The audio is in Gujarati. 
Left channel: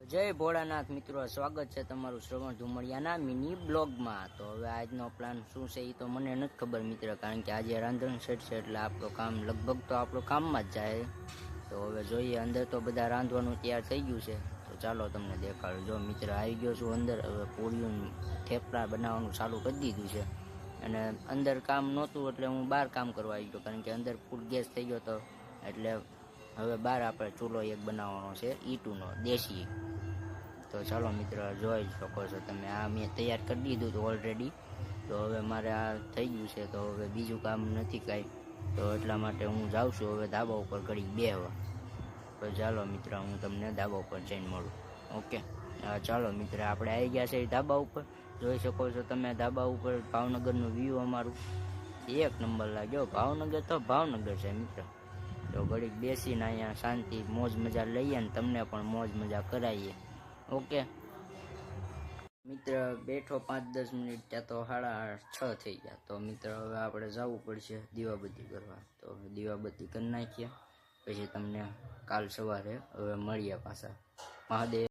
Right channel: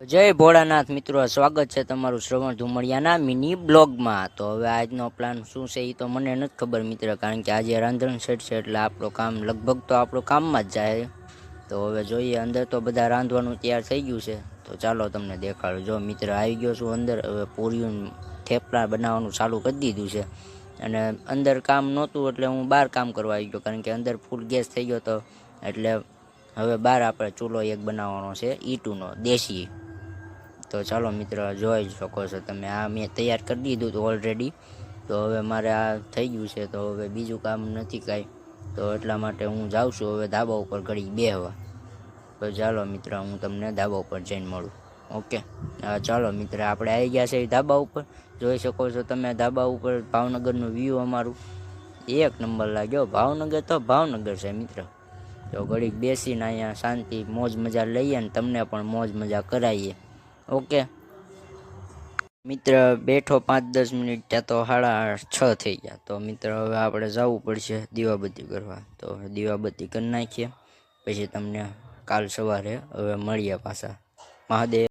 જય ભોળાનાથ મિત્રો સ્વાગત છે તમારું શ્રવણ ધુમડિયાના મિની બ્લોગમાં. તો હવે આજનો પ્લાન શું છે એ તો મને નથી ખબર મિત્ર, કારણ કે આજે રાંધણ સેટ છે એટલે આપણું કામ લગભગ તો આપણું કામમાં જ જાય. તો હવે જોઈએ અંદર તો બધા રાંધવાનું તૈયાર થઈ ગયું છે. તો ચાલો તમને દેખાડું. જો મિત્ર આવી ગયો છું અંદર, હવે પૂરીયું થેપલા બનાવવાનું ચાલુ કરી દીધું છે. અને અંદર કામ નહોતું એટલે હું બહાર કામ કરવા આવી ગયો, કારણ કે અંદર ફૂલ ગેસ થઈ ગયો તો. એટલે હવે બહાર આપણે ચૂલો એક બનાવવાનો છે ઈટુનો દેશી. તો ચાલો મિત્ર, જોઈ જ શકો છો તમે. આ મેં તૈયાર કરી દીધું હતું ઓલરેડી તો હવે મારે આ થઈ ગયું છે, તો હવે બીજું કામ નથી કાંઈ. તો એટલા માટે હું જાઉં છું, હવે ધાબા ઉપર ઘડી બેહવા તો ચાલો મિત્ર, હું તમને ધાબા ઉપર જઈને મળું. ઓકે? ચાલો મિત્ર, આપણે આવી ગયા છે ધાબા ઉપર. જોઈ શકો છો તમે, ધાબા ઉપર ભાવનગરનું વ્યૂ અમારું. એક નંબર લાગ્યો ભાવનગર તો ભાવનગર છે મિત્ર. તો ઘડીક બેસીને અહીંયા શાંતિ મોજ મજા લઈએ ને તમને પણ મોજ મજા કરાવીએ. ઓકે. મિત્ર બેઠો પાંચ દસ મિનિટ, ત્યાં તો સાડા છ થઈ ગયા. તો મિત્ર, હવે આપણે જવું પડશે દીવાબત્તી કરવા. તો દીવાબત્તી કરી નાખીએ. પછી તમને કાલ સવારે હવે મળીએ પાછા. મહાદેવ.